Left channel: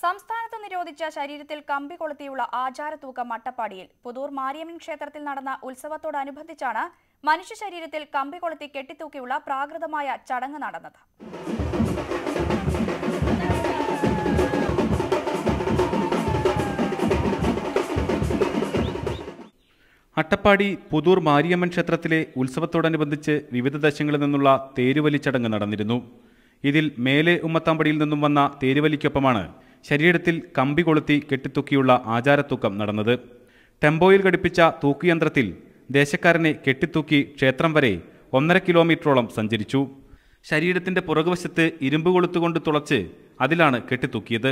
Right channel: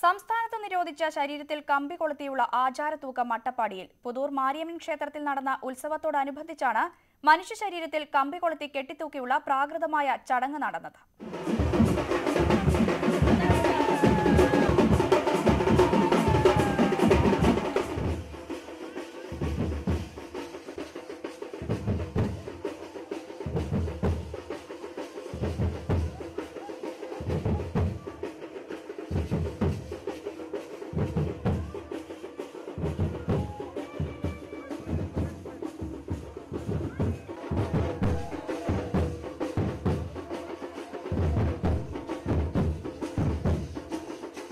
സംസ്ഥാനത്ത് നിരോധിച്ച ശരീരത്തിൽ കമ്പി കൊളുത്തിയുള്ള ആചാരത്തൂക്കം അട്ടപ്പാടിയിൽ പുതൂർ മാരിയമ്മൻ ക്ഷേത്രത്തിൽ നടന്ന ഉത്സവത്തോടനുബന്ധിച്ചാണ് മനുഷ്യ ശരീരത്തിൽ കമ്പി കൊളുത്തി കെട്ടിത്തൂക്കിയുള്ള പ്രാകൃതമായ ചടങ്ങ് നടന്നത്. അട്ടപ്പാടി പുതൂർ മാരിയമ്മൻ ക്ഷേത്രത്തിലെ ഉത്സവത്തോടനുബന്ധിച്ച് വിവിധ ദേശങ്ങളിൽ നിന്നുള്ള തേരുവലി ചടങ്ങ് നടന്നിരുന്നു. ഇതിൽ മേലെ ഉമ്മത്താമ്പടിയിൽ നിന്നും വന്ന തേരുവലിക്കൊപ്പമാണ് ശരീരത്തിൽ കമ്പി കൊളുത്തി കെട്ടിത്തൂക്കിയുള്ള ആചാരത്തൂക്കം നടന്നത്. ടെമ്പോയിൽ ഘടിപ്പിച്ച തൂക്കുയന്ത്രത്തിൽ ദേശക്കാരനെ കെട്ടിത്തൂക്കി ക്ഷേത്രം വരെ 1.5 കിലോമീറ്ററോളം സഞ്ചരിച്ചു. ശരീരത്തിന്റെ പുറകുവശത്ത് ഇരുമ്പ് കൊളുത്തുകൊണ്ട് തുളച്ച് അതിലാണ് കെട്ടിത്തൂക്കിയത്.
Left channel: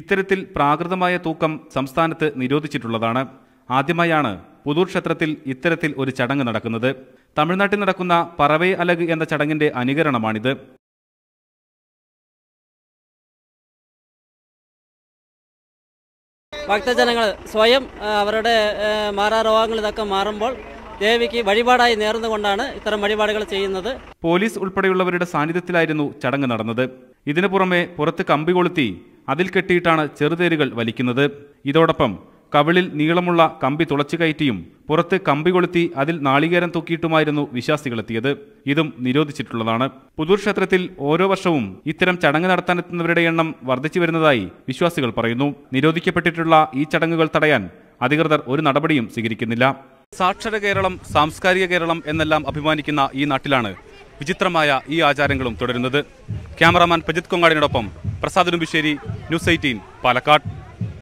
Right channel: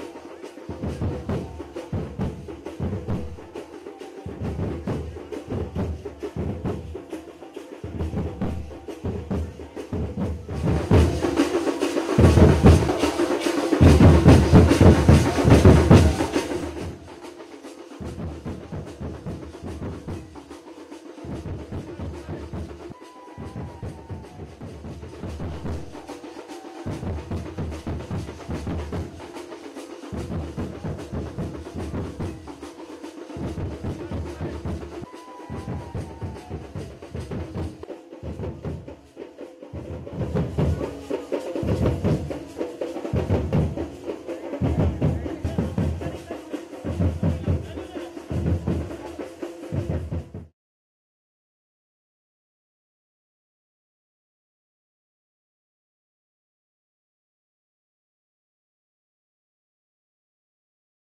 ഇത്തരത്തിൽ പ്രാകൃതമായ തൂക്കം സംസ്ഥാനത്ത് നിരോധിച്ചിട്ടുള്ളതാണ്. ആദ്യമായാണ് പുതൂർ ക്ഷേത്രത്തിൽ ഇത്തരത്തിൽ ഒരു ചടങ്ങ് നടക്കുന്നത്. തമിഴ്നാട്ടിൽ നടക്കുന്ന പറവേ അലഗ് എന്ന ചടങ്ങിന്റെ അനുകരണമാണിത്. ഭക്തജനങ്ങൾ സ്വയം അവരുടെ മാറാരോഗങ്ങൾ ഇതൊക്കെ മാറുമ്പോൾ ദേവിക്ക് വഴിപാടായി നേർന്നുകൊണ്ടാണ് ഇത്തരം വഴിപാടുകൾ ചെയ്യുന്നത്. പോലീസ് ഉൾപ്പെടെയുള്ളവരുടെ സാന്നിധ്യത്തിലായിരുന്നു ചടങ്ങ് നടന്നത്. ഇതിനു പുറമെ പുറത്ത് കമ്പി കൊളുത്തി അതിൽ കെട്ടിയിട്ടാണ് ചെറുതേരുകൾ വലിക്കുന്നത്. ഇതോടൊപ്പം കവിളിൽ നീളമുള്ള കമ്പി തുളച്ചു കയറ്റിയും പുറത്ത് കമ്പി കൊളുത്തി അതിൽ നാളികേരം തൂക്കിയിട്ടുമായിരുന്നു വിശ്വാസികളെത്തിയത്. ഇതും നിരോധിച്ചിട്ടുള്ളതാണ്. പുതൂർ ക്ഷേത്രത്തിൽ ഓരോ വർഷവും ഇത്തരം ചടങ്ങ് നടത്താനെത്തുന്നവരുടെ എണ്ണം വർദ്ധിച്ചു വരുന്നതായി വിശ്വാസികൾ പറയുന്നു. നിരോധിക്കപ്പെട്ടിട്ടുള്ള ഈ ചടങ്ങുകൾ തടയാൻ അധികൃതർ ഒരു നടപടിയും സ്വീകരിക്കുന്നില്ല. സാക്ഷര കേരളം, സാംസ്കാരിക കേരളം എന്നെല്ലാം അഭിമാനിക്കുന്ന ഈ നാട്ടിലാണ് വിചിത്രമായ ഈ ആചാരങ്ങളും തുടരുന്നത്. ക്യാമറാമാൻ പ്രജിത് കൊങ്ങാടിനോടൊപ്പം പ്രസാദ് നുബിശ്ശേരി, ന്യൂസ് 18, പാലക്കാട്.